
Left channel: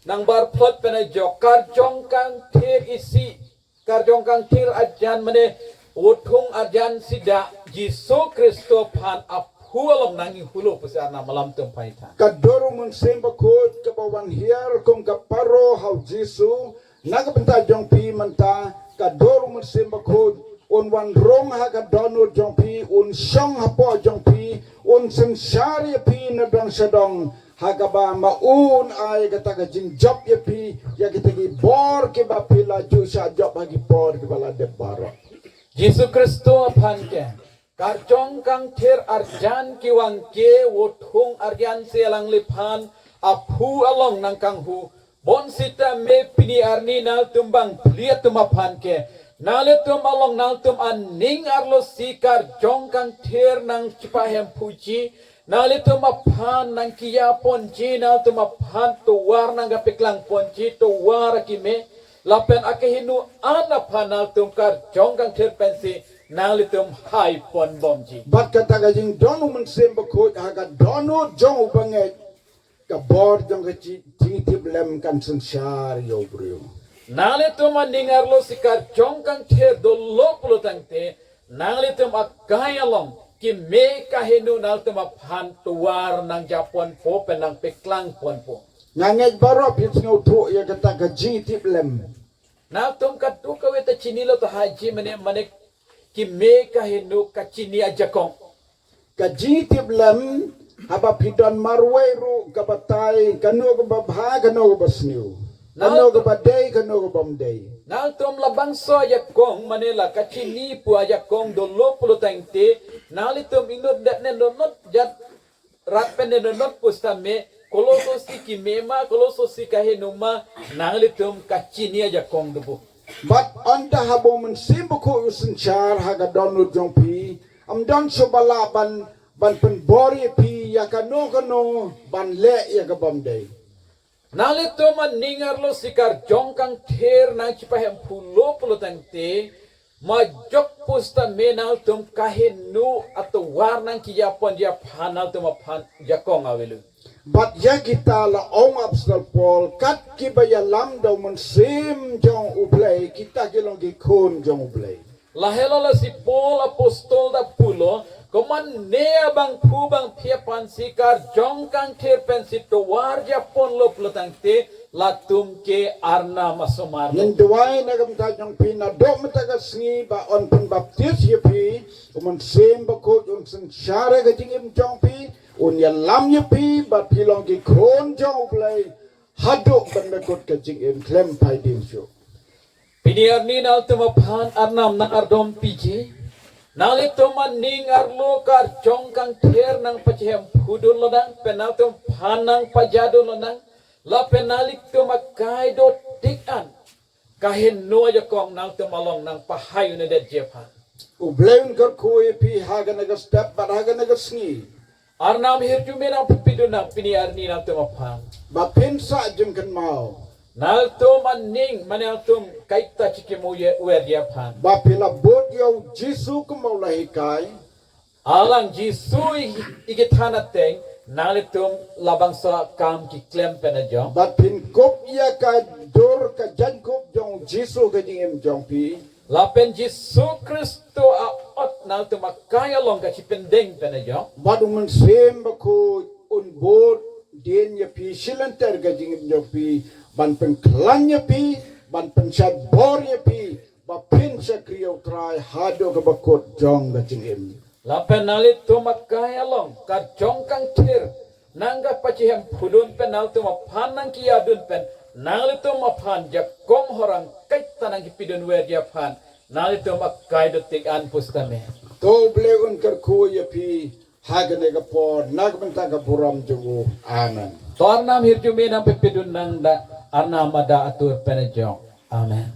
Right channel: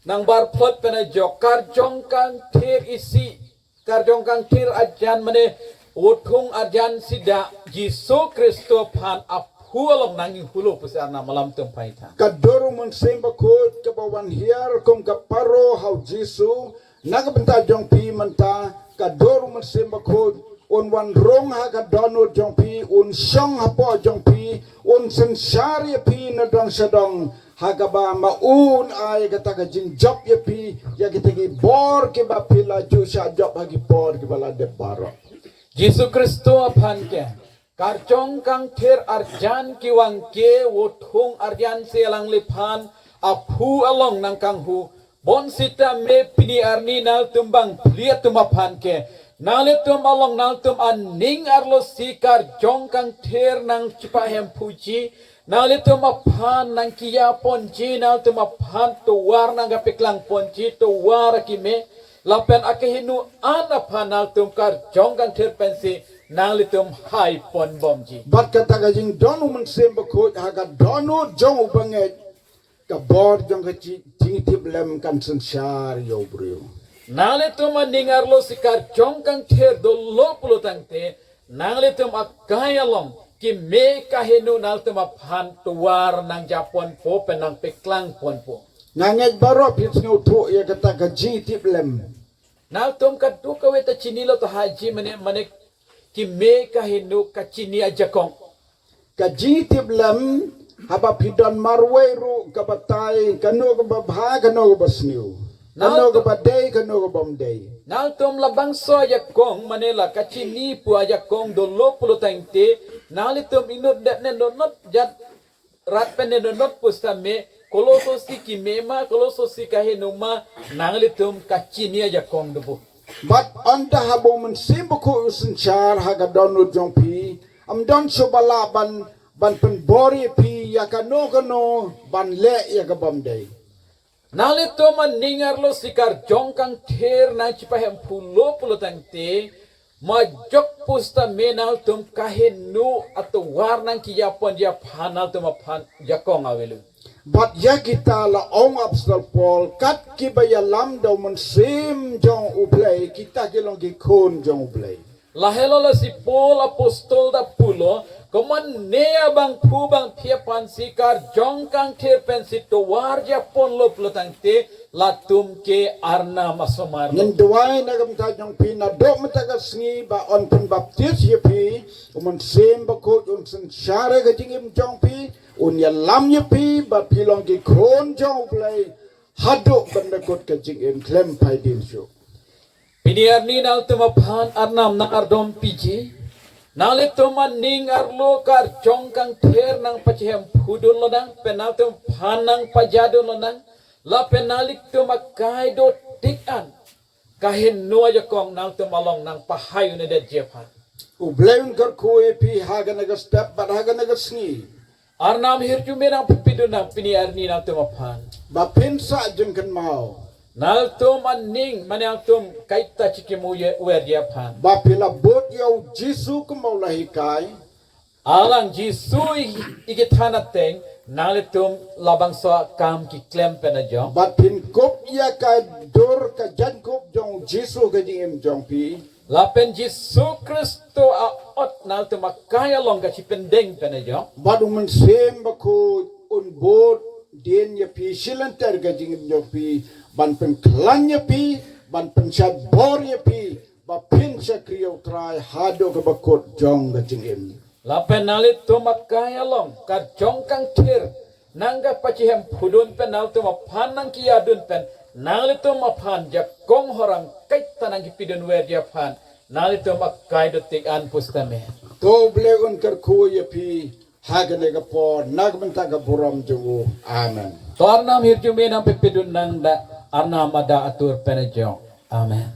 nang bar plot pen jokar jongkang tir isi kar jongkang tir ajan mane utung ajan sida Jesus Kristo pan aphu alam nanging hulu pusarna malam tempaita. Kadoro mensembaku kabawan hiar kong kaparo hau Jesu nagabenta jong pi menta kadoro mensembaku un wan rong ha kadono jong pi un syong hapo jong pi un sensari pi nadong sadong hagaba maun ay kata ka jing job ya pi ya kita gi bor ke ba pila ju sha job hagi bor ke bala de baro. Jesus Kristo pan ke karjong kang ter arjan ki wang ke wotung arjan selang lipan aphu along nang kang hu bon sita me pini arni nal tumbang liat tumapan ke nale tum along nal tum aning arlo sikar jong kang ter nang cipahem puji nale tum apan nang kia ponji nal tum apan tuwar nang gapiklang ponji tuwar kime lapen akehinu anapan nal tum kar jong kang ter pensi nale tum hai pon bomji. Bat kata ka jing donu mensembaku haga donu jong banget ka bor jong ka jing tiblem kan sensar yo bro. Nale tum aningar lo sikar jong kang ter do lo pulutang te nale tum akayalong ki me kahinu nal tum apan tuwar nang japon po penang peklang pon po. Nganget baro pits ngutu ya kata ka jing tiblem. Nal tum katu kaweta chinilo to haji mane ki me kahinu kachini ajakong. Ka jing tiblem haba pidon marweru ka batay kanu ka babha kanu ka basniu. Kanu ka baday kanu ka bamday. Nal tum labang so ajakong manila kachini pu ajakong do lo pulutang te nal tum inut dat ne donot jat rat pen ne donot pustame koloso si ki mema koloso si kahinuma nal tum kachini ajakong do. But anda habo mensimbuku usenchar haga donu jongpi am don sobalaban ban penbori pi ya kano ban le ya kabamday. Nalito man ningar lo sikar jongkang ther na cipahem pulo tang te majok pusta menal tum kahenu atau warnang kiyapon dia panal tum pan jakong awelu. But ya kita la ong apostol Paul kat kibaya lam daw man sim jong uplay kita kilong gikon jong uplay. Lahelo la si Paul apostol da pulo Koman nea bang pu bang pia pan sikar jongkang ther pen situ warja pon lo pelutang te latum ke arna masomar. Ning duway na gamta jong pinadok matagas ngi ba on pun baptis ye pi umon sem ba ko un sen shara ga tingim jong pi un ya lam ye pi ba pilong gi kon jong play hadok ban na kot ka jingim klem pai dim shu. Piniar ni nal tuma pan arnam na ardom piji. Nalit tuman ning arlo kar jongkang ther nang pachihem pudun lodang penal tum panang pajadun lodang la penalik tum akai do tikan kahin no aja kong nal tum along nang pahayu ne det jepan Ubleun kar ko ye pi haga na ga step ba haga na ga sngi. arnam hirju merang pipidun nang piniar ni nal tum pan Ba pinsa jeng kan mau. nal tum aning manal tum kaita chikimu ye wer jepan Ba pila bot yaw Jisu ko mau lahikai. alang jisui ikitana teng nalitum labang so kam ki klem penajong Ba pin kop ya ka dor ka jan kop jong Jisu ka jingim jong pi. lapen Jisu Kristo a ot nalitum makaya long ka si pendeng penajong Ba dum sem ba ko un bot den ya pi silantar ka jingim jong pi. Ban pen klan ya pi, ban pen syad bor ya pi. Ba pin sa kriyaw try hado ka bakot jong ka jingim. lapen nalitum makaya long ka jongkang tir nangga pachihem pudun pen nalitum panang kiyadun pen nalitum mapan jakong horang kaita nang kipidun wer japan nalitum makai detik an pustame To bleun kar ko ya pi hagane ka por nagbenta ka buram jungo. Amen. Tornam hirjumi nang pipidun nang da arnam ada atur penajong. Amen.